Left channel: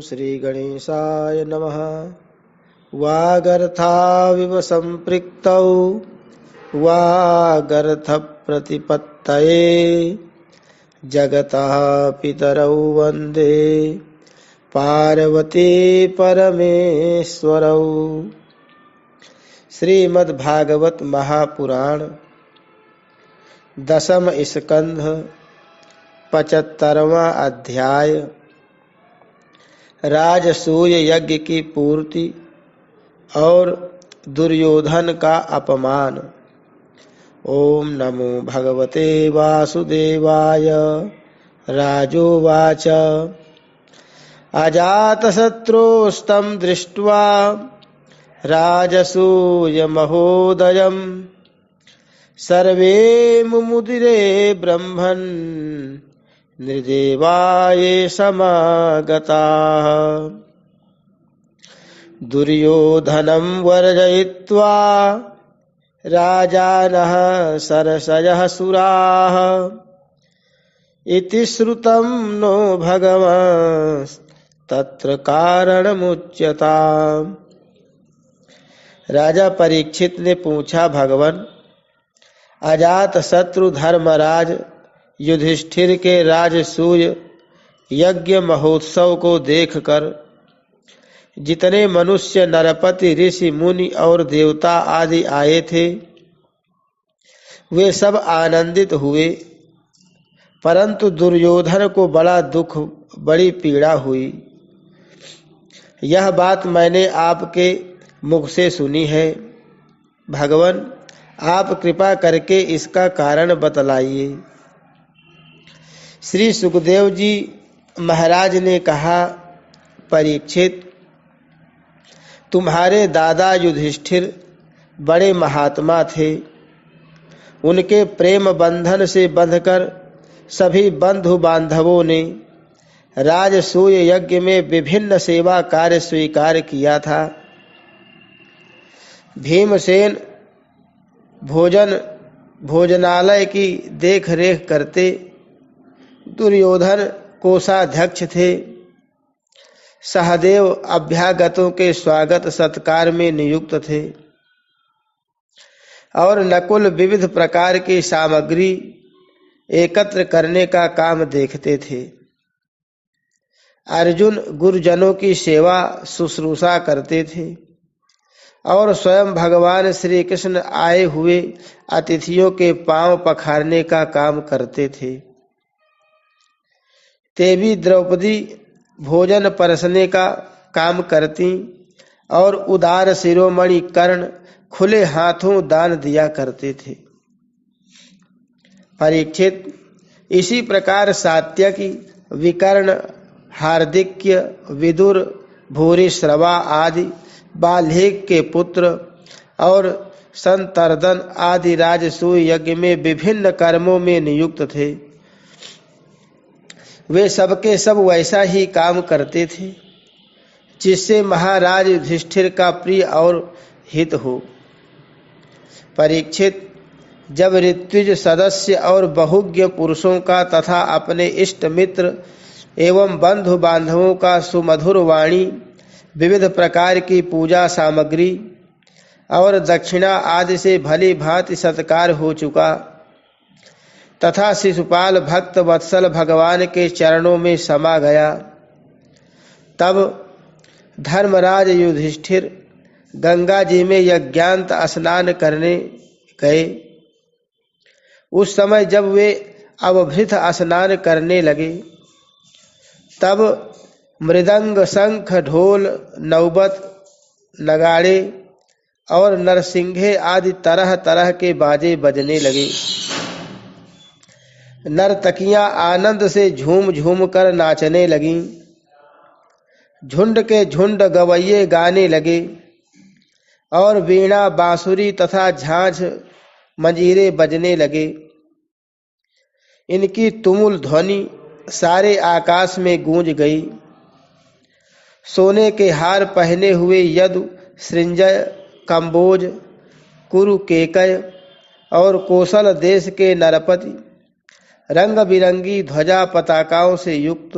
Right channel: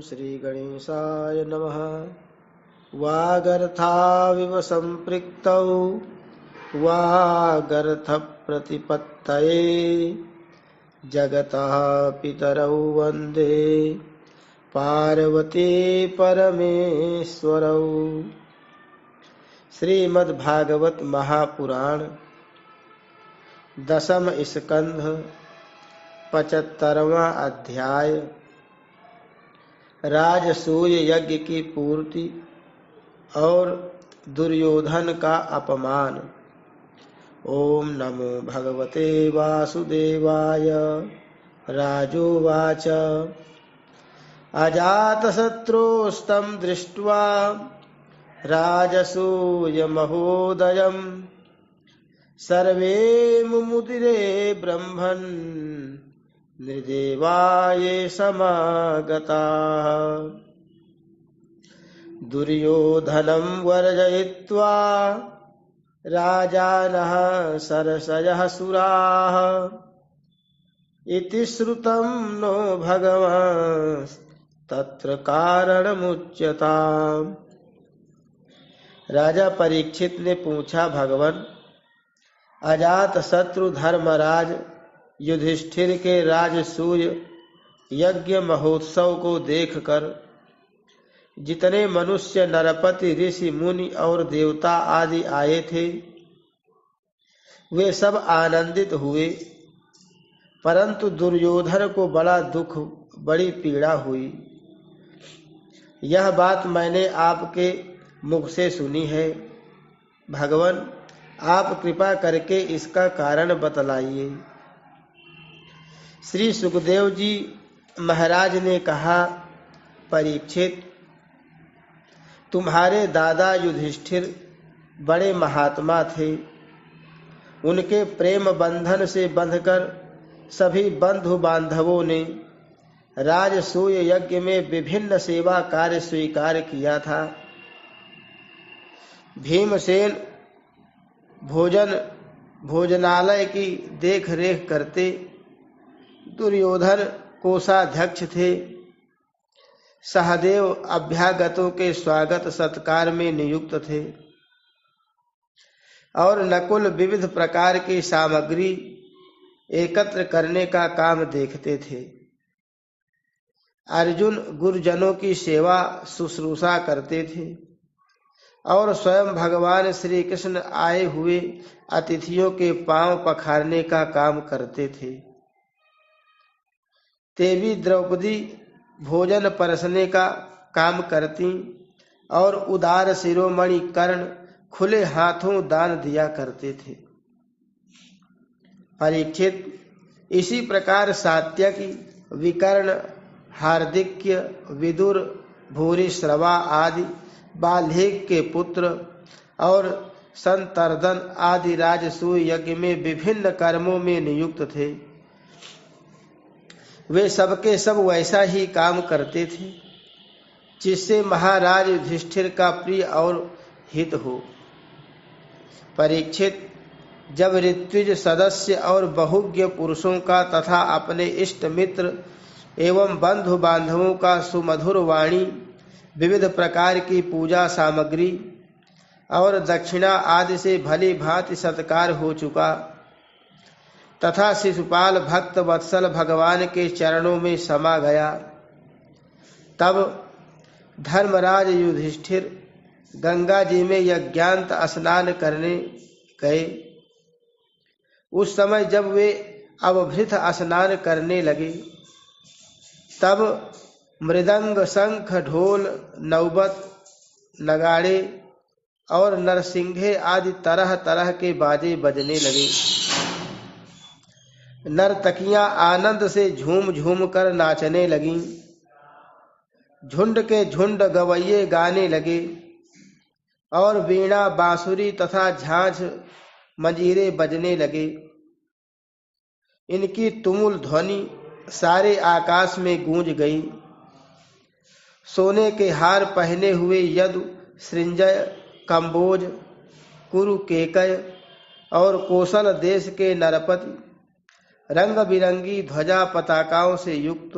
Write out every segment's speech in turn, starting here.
श्री गणेशाय नमः। वागर्थाविव सम्पृक्तौ वागर्थप्रतिपत्तये जगतः पितरौ वन्दे पार्वती परमेश्वरौ। श्रीमद्भागवत महापुराण दशम स्कंध 75वां अध्याय राजसूय यज्ञ की पूर्ति और दुर्योधन का अपमान। ओम नमो भगवते वासुदेवाय। राजोवाच अजातशत्रोस्तं दृष्ट्वा राजसूय महोदयम् सर्वे मुमुदिरे ब्रह्मन् नृदेवाये समागताः। दुर्योधनं वर्जयित्वा राजानः सरसयः सुराः इति श्रुतं नो भगवस्तत्र कारणमुच्यताम्। राजा परीक्षित ने पूछा, भगवान, अजात शत्रु धर्मराज युधिष्ठिर के राजसूय यज्ञ महोत्सव को देखकर जितने मनुष्य, नरपति, ऋषि, मुनि और देवता आदि आए थे, वे सब आनंदित हुए, परंतु दुर्योधन को बड़ा दुख, बड़ी पीड़ा हुई। यह बात मैंने आपके मुख से सुनी है। भगवान, आप कृपा करके इसका कारण बतलाइए। श्री सुखदेव जी महाराज ने कहा, परीक्षित, तुम्हारे दादा युधिष्ठिर बड़े महात्मा थे। उनके प्रेम बंधन से बंधकर सभी बंधु बांधवों ने राजसूय यज्ञ में विभिन्न सेवा कार्य स्वीकार किया था। भीमसेन भोजनालय की देख रेख करते, दुर्योधन कोषाध्यक्ष थे, सहदेव अभ्यागतों के स्वागत सत्कार में नियुक्त थे और नकुल विविध प्रकार की सामग्री एकत्र करने का काम देखते थे। अर्जुन गुरुजनों की सेवा शुश्रूषा करते थे और स्वयं भगवान श्री कृष्ण आए हुए अतिथियों के पांव पखारने का काम करते थे। देवी द्रौपदी भोजन परसने का काम करती और उदार शिरोमणि कर्ण खुले हाथों दान दिया करते थे। परीक्षित, इसी प्रकार सात्यकी, विकर्ण, हार्दिक्य, विदुर, भूरिश्रवा आदि बाल्हिक के पुत्र और संतर्दन आदि राजसूय यज्ञ में विभिन्न कर्मों में नियुक्त थे। वे सबके सब वैसा ही काम करते थे जिससे महाराज युधिष्ठिर का प्रिय और हित हो। परीक्षित, जब ऋत्विज सदस्य और बहुज्ञ पुरुषों का तथा अपने इष्ट मित्र एवं बंधु बांधवों का सुमधुर वाणी, विविध प्रकार की पूजा सामग्री और दक्षिणा आदि से भली भांति सत्कार हो चुका तथा शिशुपाल भक्त वत्सल भगवान के चरणों में समा गया, तब धर्मराज युधिष्ठिर गंगा जी में यज्ञांत स्नान करने गए। उस समय जब वे अवभृत स्नान करने लगे, तब मृदंग, शंख, ढोल, नौबत, नगाड़े और नरसिंघे आदि तरह तरह के बाजे बजने लगे। नर्तकियां आनंद से झूम झूम कर नाचने लगीं। झुंड के झुंड गवैये गाने लगे और वीणा, बांसुरी तथा झांझ मंजीरे बजने लगे। इनकी तुमुल ध्वनि सारे आकाश में गूंज गई। सोने के हार पहने हुए यदु, सृंजय, कंबोज, कुरु, केकय और कौशल देश के नरपति रंग बिरंगी ध्वजा पताकाओं से युक्त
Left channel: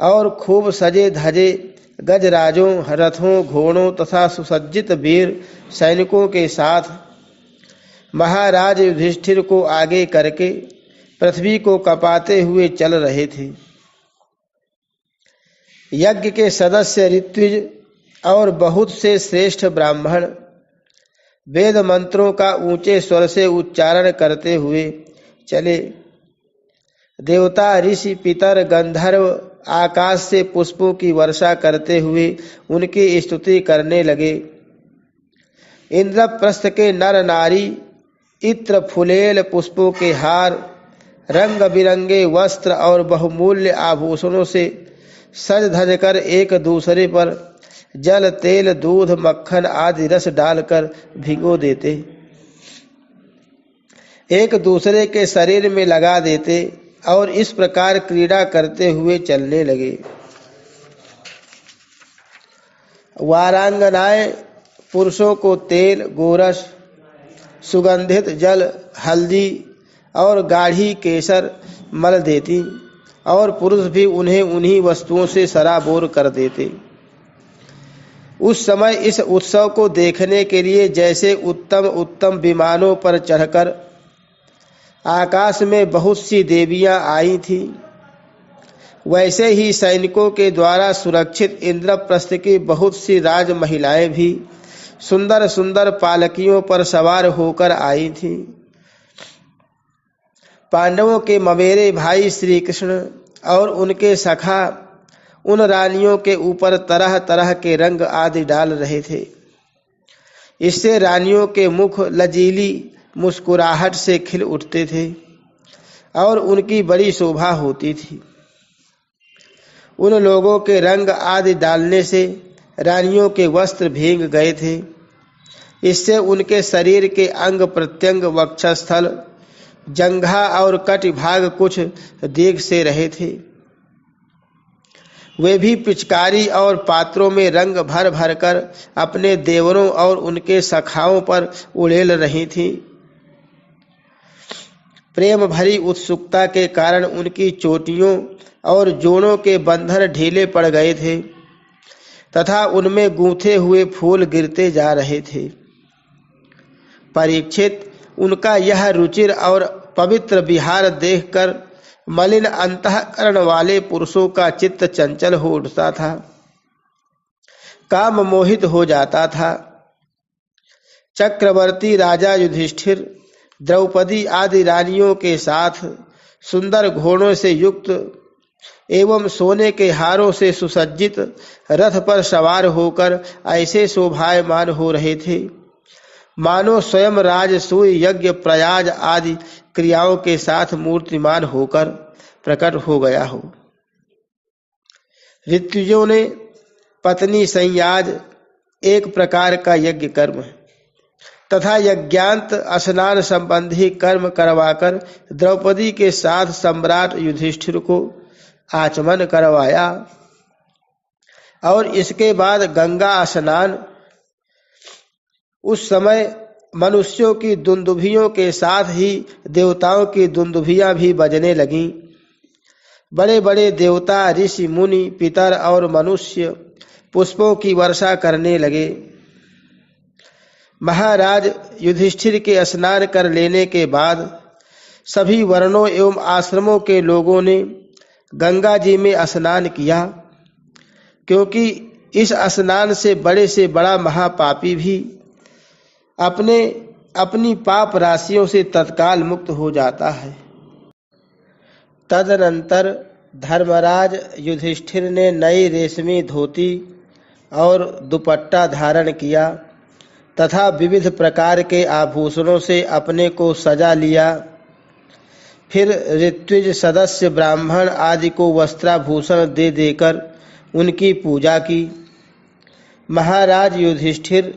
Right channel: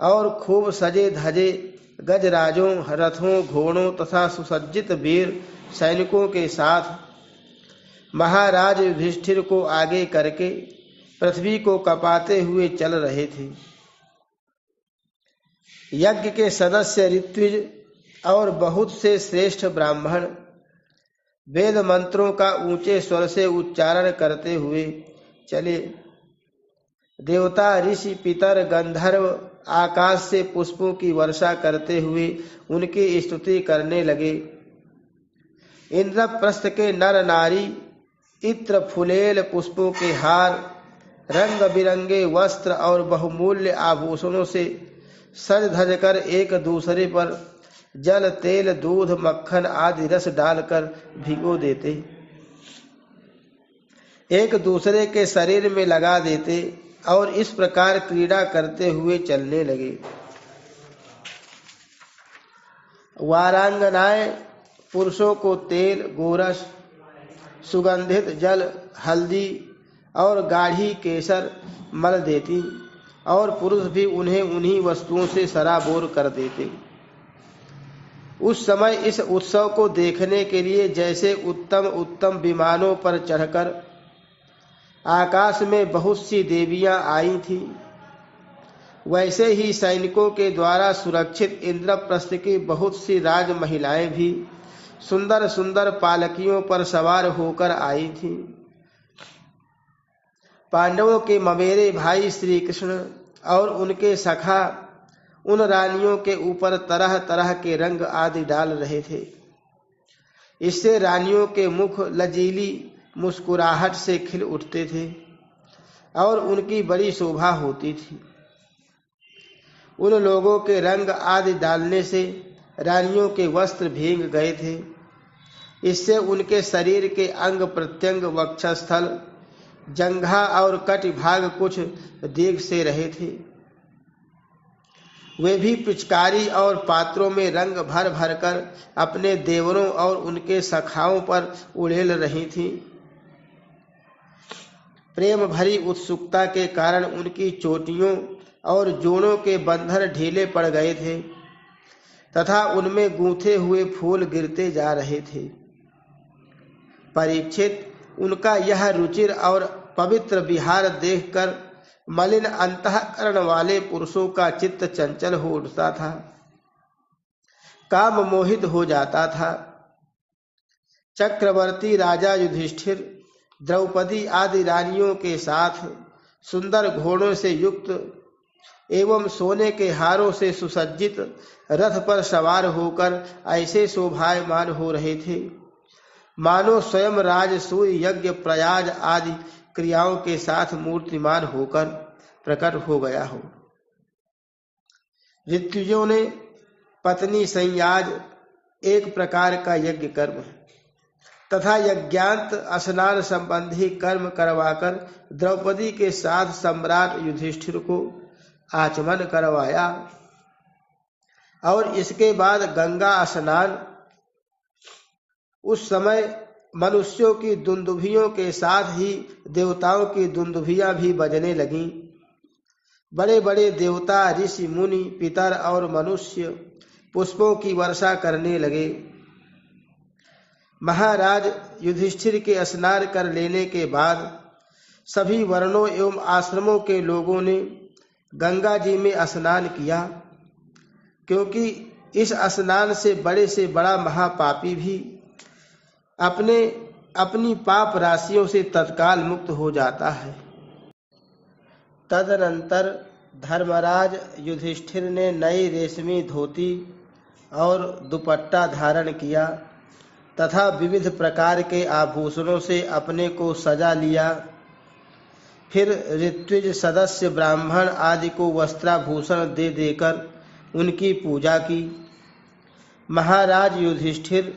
और खूब सजे धजे गजराजों, रथों, घोड़ों तथा सुसज्जित वीर सैनिकों के साथ महाराज युधिष्ठिर को आगे करके पृथ्वी को कपाते हुए चल रहे थे। यज्ञ के सदस्य ऋत्विज और बहुत से श्रेष्ठ ब्राह्मण वेद मंत्रों का ऊंचे स्वर से उच्चारण करते हुए चले। देवता, ऋषि, पितर, गंधर्व आकाश से पुष्पों की वर्षा करते हुए उनकी स्तुति करने लगे। इंद्रप्रस्थ के नर नारी इत्र, फुलेल, पुष्पों के हार, रंग बिरंगे वस्त्र और बहुमूल्य आभूषणों से सज धज कर एक दूसरे पर जल, तेल, दूध, मक्खन आदि रस डालकर भिगो देते, एक दूसरे के शरीर में लगा देते और इस प्रकार क्रीड़ा करते हुए चलने लगे। वारांगनाएं पुरुषों को तेल, गोरस, सुगंधित जल, हल्दी और गाढ़ी केसर मल देती और पुरुष भी उन्हें उन्हीं वस्तुओं से सराबोर कर देते। उस समय इस उत्सव को देखने के लिए जैसे उत्तम उत्तम विमानों पर चढ़कर आकाश में बहुत सी देवियां आई थीं, वैसे ही सैनिकों के द्वारा सुरक्षित इंद्रप्रस्थ की बहुत सी राज महिलाएं भी सुंदर सुंदर पालकियों पर सवार होकर आई थीं। पांडवों के ममेरे भाई श्री कृष्ण और उनके सखा उन रानियों के ऊपर तरह तरह के रंग आदि डाल रहे थे। इससे रानियों के मुख लजीली मुस्कुराहट से खिल उठते थे और उनकी बड़ी शोभा होती थी। उन लोगों के रंग आदि डालने से रानियों के वस्त्र भीग गए थे। इससे उनके शरीर के अंग प्रत्यंग, वक्षस्थल, जंघा और कटिभाग कुछ देख से रहे थे। वे भी पिचकारी और पात्रों में रंग भर भर कर अपने देवरों और उनके सखाओं पर उड़ेल रही थीं। प्रेम भरी उत्सुकता के कारण उनकी चोटियों और जोड़ों के बंधन ढीले पड़ गए थे तथा उनमें गूंथे हुए फूल गिरते जा रहे थे। परीक्षित, उनका यह रुचिर और पवित्र विहार देखकर मलिन अंतःकरण वाले पुरुषों का चित्त चंचल हो उठता था, काम मोहित हो जाता था। चक्रवर्ती राजा युधिष्ठिर द्रौपदी आदि रानियों के साथ सुंदर घोड़ों से युक्त एवं सोने के हारों से सुसज्जित रथ पर सवार होकर ऐसे शोभायमान हो रहे थे मानो स्वयं राजसूय, यज्ञ, प्रयाग आदि क्रियाओं के साथ मूर्तिमान होकर प्रकट हो गया हो। ऋत्विजों ने पत्नी संयाज एक प्रकार का यज्ञ कर्म तथा यज्ञांत स्नान संबंधी कर्म करवाकर द्रौपदी के साथ सम्राट युधिष्ठिर को आचमन करवाया और इसके बाद गंगा स्नान। उस समय मनुष्यों की दुंदुभियों के साथ ही देवताओं की दुंदुभियां भी बजने लगीं। बड़े बड़े देवता, ऋषि, मुनि, पितर और मनुष्य पुष्पों की वर्षा करने लगे। महाराज युधिष्ठिर के स्नान कर लेने के बाद सभी वर्णों एवं आश्रमों के लोगों ने गंगा जी में स्नान किया, क्योंकि इस स्नान से बड़ा महापापी भी अपनी पाप राशियों से तत्काल मुक्त हो जाता है। तदनंतर धर्मराज युधिष्ठिर ने नई रेशमी धोती और दुपट्टा धारण किया तथा विविध प्रकार के आभूषणों से अपने को सजा लिया। फिर ऋत्विज सदस्य ब्राह्मण आदि को वस्त्राभूषण दे देकर उनकी पूजा की। महाराज युधिष्ठिर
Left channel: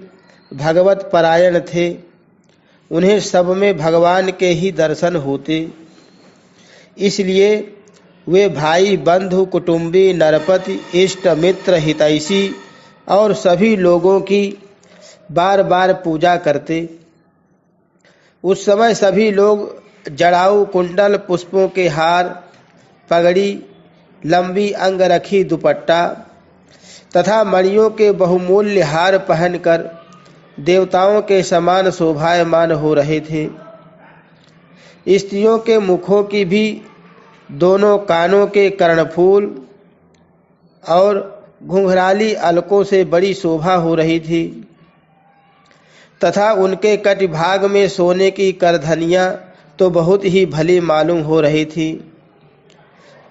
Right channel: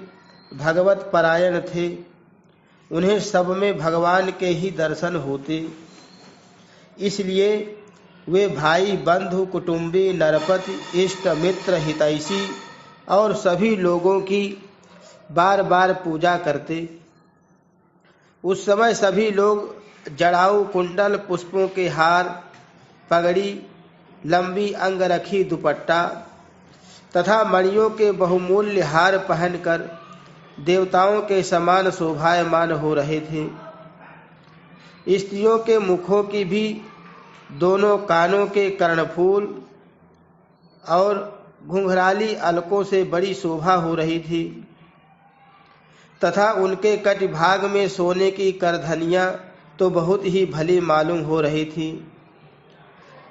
भगवत परायण थे, उन्हें सब में भगवान के ही दर्शन होते, इसलिए वे भाई, बंधु, कुटुंबी, नरपति, इष्ट मित्र, हितैषी और सभी लोगों की बार बार पूजा करते। उस समय सभी लोग जड़ाऊ, कुंडल, पुष्पों के हार, पगड़ी लंबी अंगरखी दुपट्टा तथा मणियों के बहुमूल्य हार पहनकर देवताओं के समान शोभायमान हो रहे थे। स्त्रियों के मुखों की भी दोनों कानों के कर्णफूल और घुंघराली अलकों से बड़ी शोभा हो रही थी तथा उनके कटिभाग में सोने की करधनियाँ तो बहुत ही भली मालूम हो रही थी।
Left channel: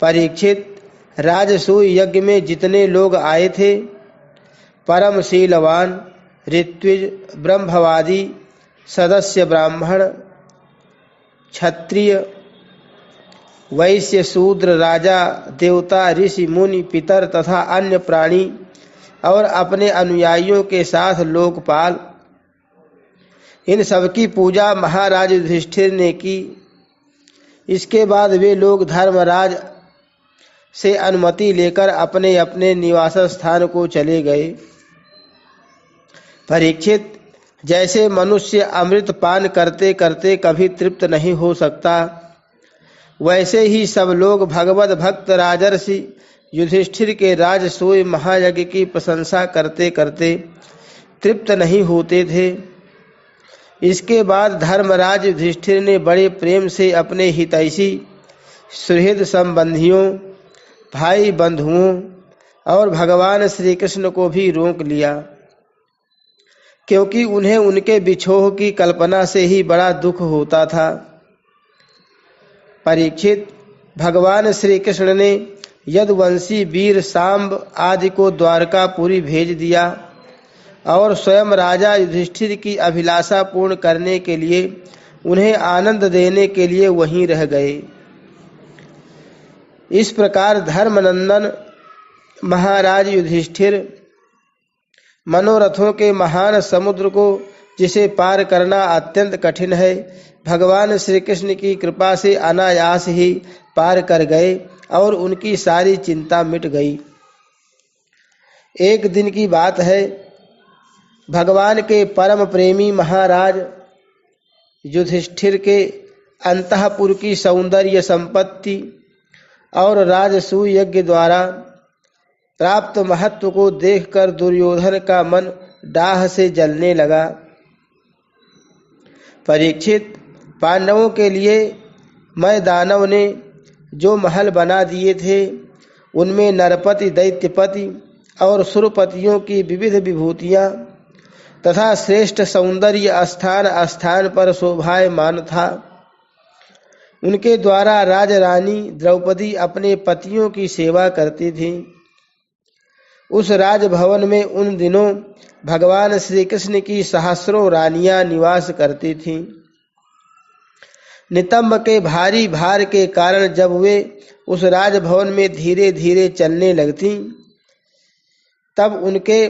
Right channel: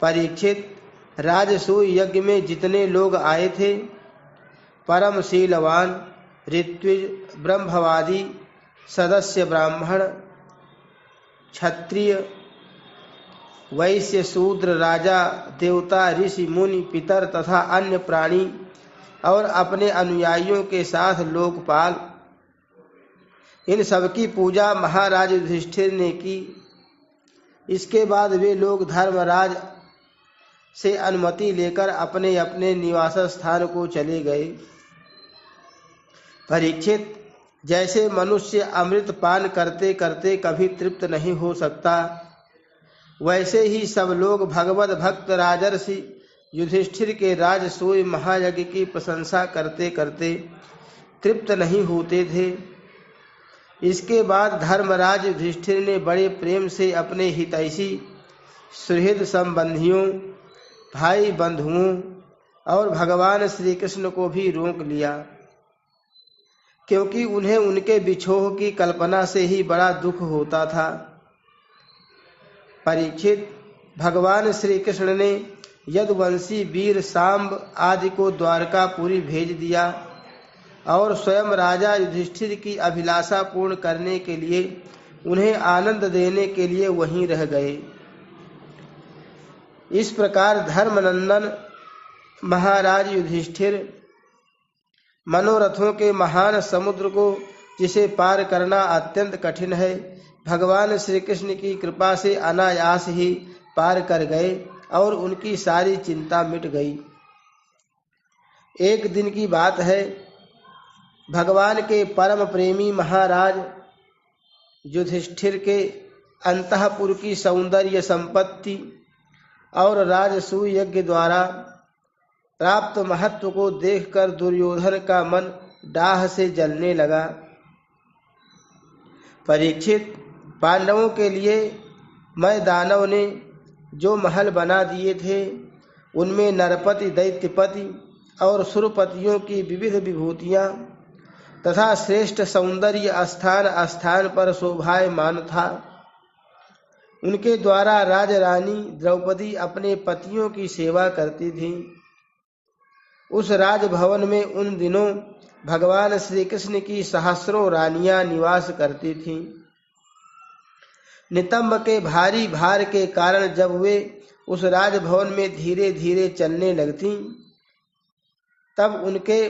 परीक्षित, राजसूय यज्ञ में जितने लोग आए थे, परम शीलवान, ऋत्विज, ब्रह्मवादी, सदस्य ब्राह्मण, क्षत्रिय, वैश्य, शूद्र, राजा, देवता, ऋषि, मुनि, पितर तथा अन्य प्राणी और अपने अनुयायियों के साथ लोकपाल, इन सबकी पूजा महाराज युधिष्ठिर ने की। इसके बाद वे लोग धर्मराज से अनुमति लेकर अपने अपने निवास स्थान को चले गए। परीक्षित, जैसे मनुष्य अमृत पान करते करते कभी तृप्त नहीं हो सकता, वैसे ही सब लोग भगवत भक्त राजर्षि युधिष्ठिर के राजसूय महायज्ञ की प्रशंसा करते करते तृप्त नहीं होते थे। इसके बाद धर्मराज युधिष्ठिर ने बड़े प्रेम से अपने हितैषी, सुहृद संबंधियों, भाई बंधुओं और भगवान श्री कृष्ण को भी रोक लिया, क्योंकि उन्हें उनके बिछोह की कल्पना से ही बड़ा दुख होता था। परीक्षित, भगवान श्री कृष्ण ने यदुवंशी वीर सांब आदि को द्वारकापुरी भेज दिया और स्वयं राजा युधिष्ठिर की अभिलाषा पूर्ण करने के लिए उन्हें आनंद देने के लिए वहीं रह गए। इस प्रकार धर्मनंदन महाराज युधिष्ठिर मनोरथों के महान समुद्र को, जिसे पार करना अत्यंत कठिन है, भगवान श्री कृष्ण की कृपा से अनायास ही पार कर गए और उनकी सारी चिंता मिट गई। एक दिन की बात है, भगवान के परम प्रेमी महाराज युधिष्ठिर के अंतःपुर की सौंदर्य संपत्ति और राजसूय यज्ञ द्वारा प्राप्त महत्व को देखकर दुर्योधन का मन डाह से जलने लगा। परीक्षित, पांडवों के लिए मैं दानव ने जो महल बना दिए थे, उनमें नरपति, दैत्यपति और सुरपतियों की विविध विभूतियाँ तथा श्रेष्ठ सौंदर्य स्थान स्थान पर शोभायमान था। उनके द्वारा राजरानी द्रौपदी अपने पतियों की सेवा करती थी। उस राजभवन में उन दिनों भगवान श्री कृष्ण की सहस्रों रानियां निवास करती थीं। नितंब के भारी भार के कारण जब वे उस राजभवन में धीरे धीरे चलने लगती, तब उनके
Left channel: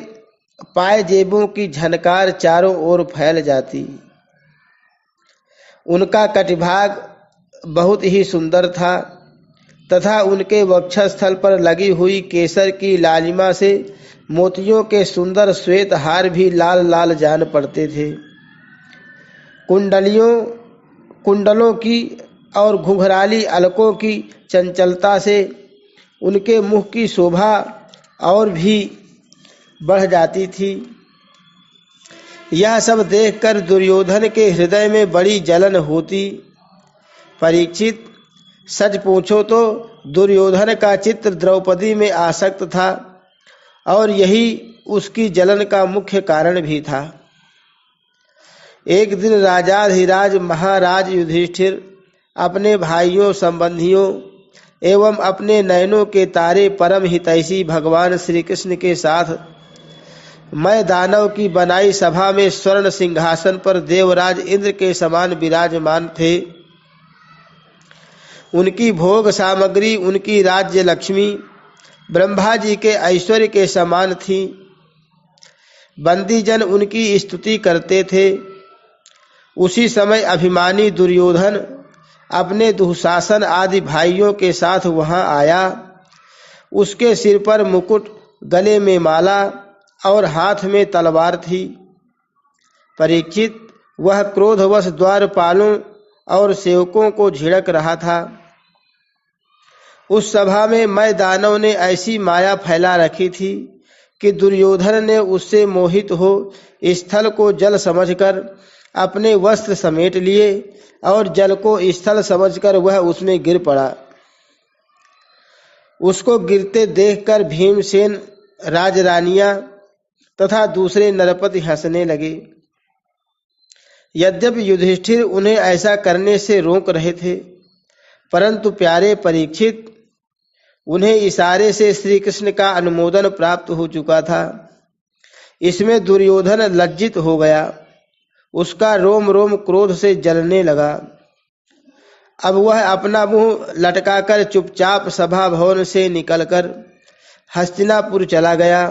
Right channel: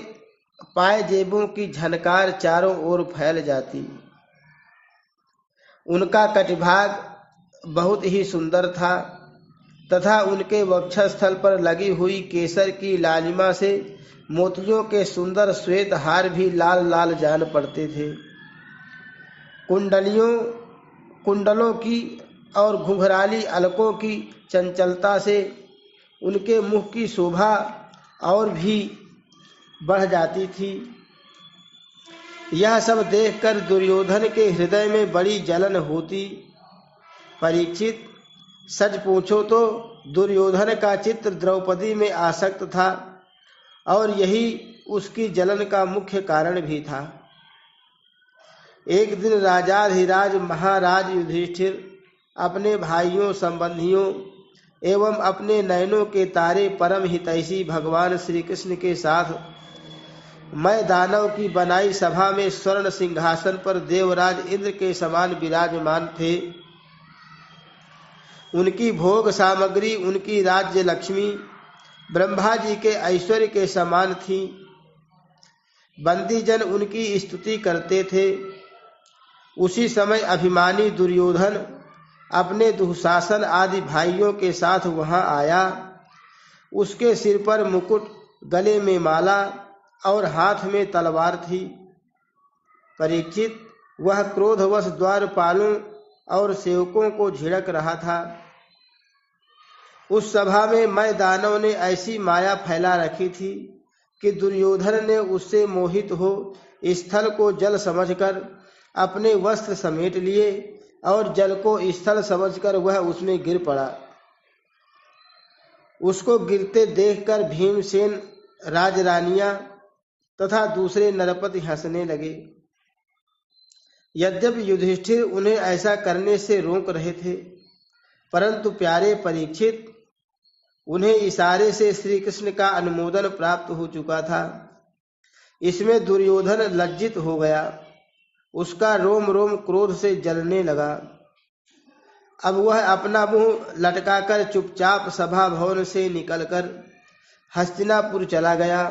पायजेबों की झनकार चारों ओर फैल जाती। उनका कटिभाग बहुत ही सुंदर था तथा उनके वक्षस्थल पर लगी हुई केसर की लालिमा से मोतियों के सुंदर श्वेत हार भी लाल लाल जान पड़ते थे। कुंडलों की और घुंघराली अलकों की चंचलता से उनके मुख की शोभा और भी बढ़ जाती थी। यह सब देखकर दुर्योधन के हृदय में बड़ी जलन होती। परीक्षित, सच पूछो तो दुर्योधन का चित्त द्रौपदी में आसक्त था और यही उसकी जलन का मुख्य कारण भी था। एक दिन राजाधिराज महाराज युधिष्ठिर अपने भाइयों, संबंधियों एवं अपने नयनों के तारे परम हितैषी भगवान श्री कृष्ण के साथ मैं दानव की बनाई सभा में स्वर्ण सिंहासन पर देवराज इंद्र के समान विराजमान थे। उनकी भोग सामग्री, उनकी राज्य लक्ष्मी ब्रह्मा जी के ऐश्वर्य के समान थी। बंदीजन उनकी स्तुति करते थे। उसी समय अभिमानी दुर्योधन अपने दुःशासन आदि भाइयों के साथ वहां आया। उसके सिर पर मुकुट, गले में माला और हाथ में तलवार थी। परीक्षित, वह क्रोधवश द्वारपालों और सेवकों को झिड़क रहा था। उस सभा में मैं दानव ने ऐसी माया फैला रखी थी कि दुर्योधन ने उससे मोहित हो स्थल को जल समझकर अपने वस्त्र समेट लिए और जल को स्थल समझकर वह उसमें गिर पड़ा। उसको गिरते देखकर भीमसेन, राजरानियां तथा दूसरे नरपति हंसने लगे। यद्यपि युधिष्ठिर उन्हें ऐसा करने से रोक रहे थे, परंतु प्यारे परीक्षित, उन्हें इशारे से श्री कृष्ण का अनुमोदन प्राप्त हो चुका था। इसमें दुर्योधन लज्जित हो गया, उसका रोम रोम क्रोध से जलने लगा। अब वह अपना मुंह लटकाकर चुपचाप सभा भवन से निकलकर हस्तिनापुर चला गया।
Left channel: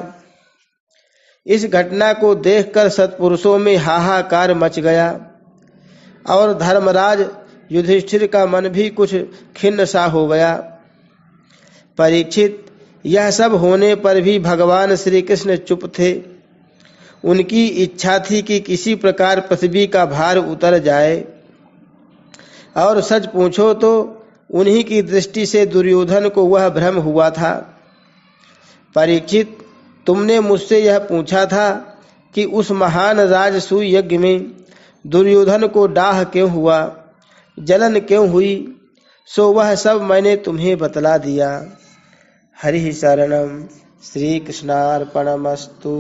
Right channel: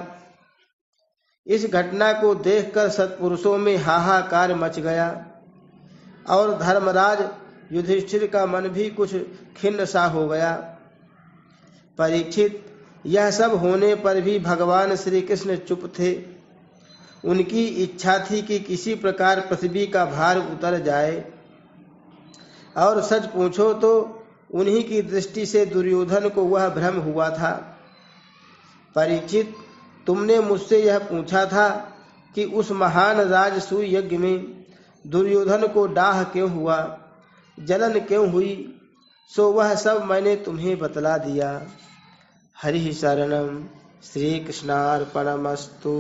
इस घटना को देखकर सत्पुरुषों में हाहाकार मच गया और धर्मराज युधिष्ठिर का मन भी कुछ खिन्न सा हो गया। परीक्षित, यह सब होने पर भी भगवान श्री कृष्ण चुप थे। उनकी इच्छा थी कि किसी प्रकार पृथ्वी का भार उतर जाए, और सच पूछो तो उन्हीं की दृष्टि से दुर्योधन को वह भ्रम हुआ था। परीक्षित, तुमने मुझसे यह पूछा था कि उस महान राजसूय यज्ञ में दुर्योधन को डाह क्यों हुआ, जलन क्यों हुई, सो वह सब मैंने तुम्हें बतला दिया। हरि शरणम। श्री कृष्णार्पणमस्तु।